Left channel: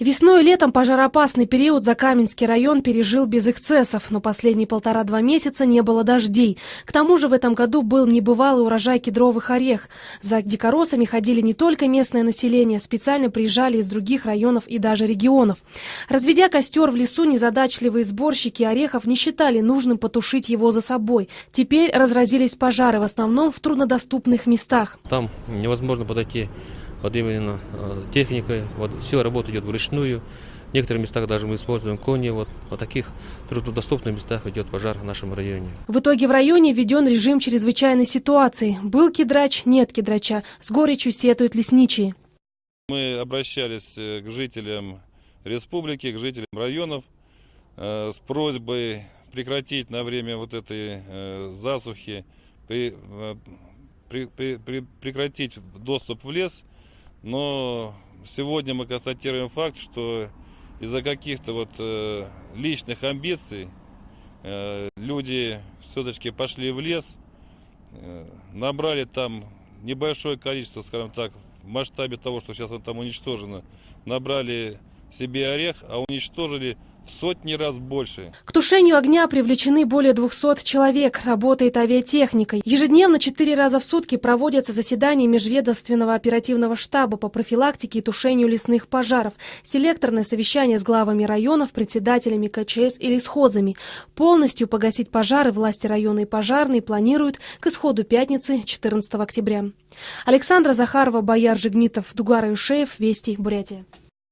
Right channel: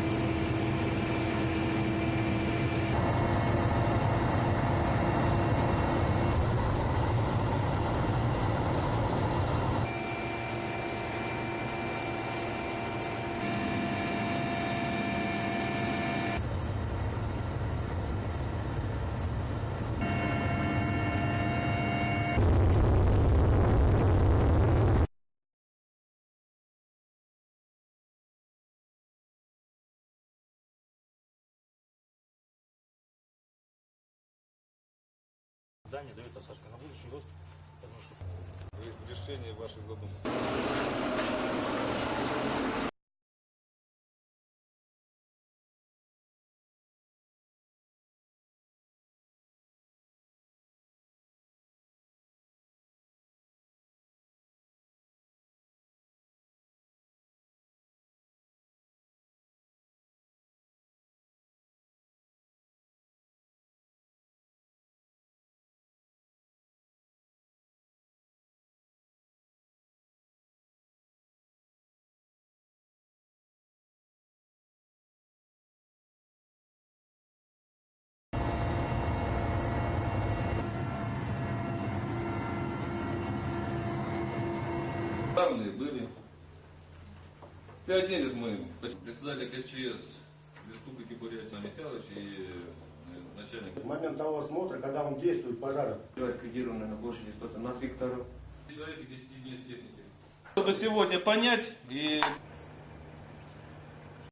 Весной и летом пожароопасный период Закаменский район пережил без эксцессов, но последние 1,5–2 месяца не было дождей. К тому же в этом году был небывалый урожай кедровых орехов. За дикоросами ходили не только местное население, специально приезжали из других районов и даже регионов. Разведя костер в лесу, незадачливые сборщики орехов не считали нужным потушить его за собой. Теперь разразились пожары, в основном в труднодоступных местах. Там невозможно подойти вот именно техникой, вот все работа идет вручную. В некоторых местах даже мы используем кони. Вот в таких труднодоступных местах идет пожар в нашем районе. В итоге в районе введен режим чрезвычайной ситуации. Был кедрач, нет кедрача. С горечью сетуют лесничие. Мы обращались к жителям республики, к жителям районов с просьбой прекратить на время вот этой засухи, прекратить доступ в лес. Но сегодня мы констатируем факт, что из-за каких-то вот личных амбиций люди все-таки пошли в лес, набрали там небольшое количество, скажем так, в масштабе того, что сейчас там уничтожено, набрали себе орех, а уничтожили в сотни раз больше. К тушению огня привлечены более 200 человек. Работает авиатехника. Ежедневно 4 раза в сутки проводятся заседания межведомственного оперативного штаба по профилактике и тушению лесных пожаров. Селекторное совещание с главами районов, председателями КЧС и лесхозами. Полностью погасить пожары власти района и пожарные планируют к исходу пятницы 14 октября. Александра Захарова, Бояр Жигмитов, Тугар Аюшеев, Вести, Бурятия.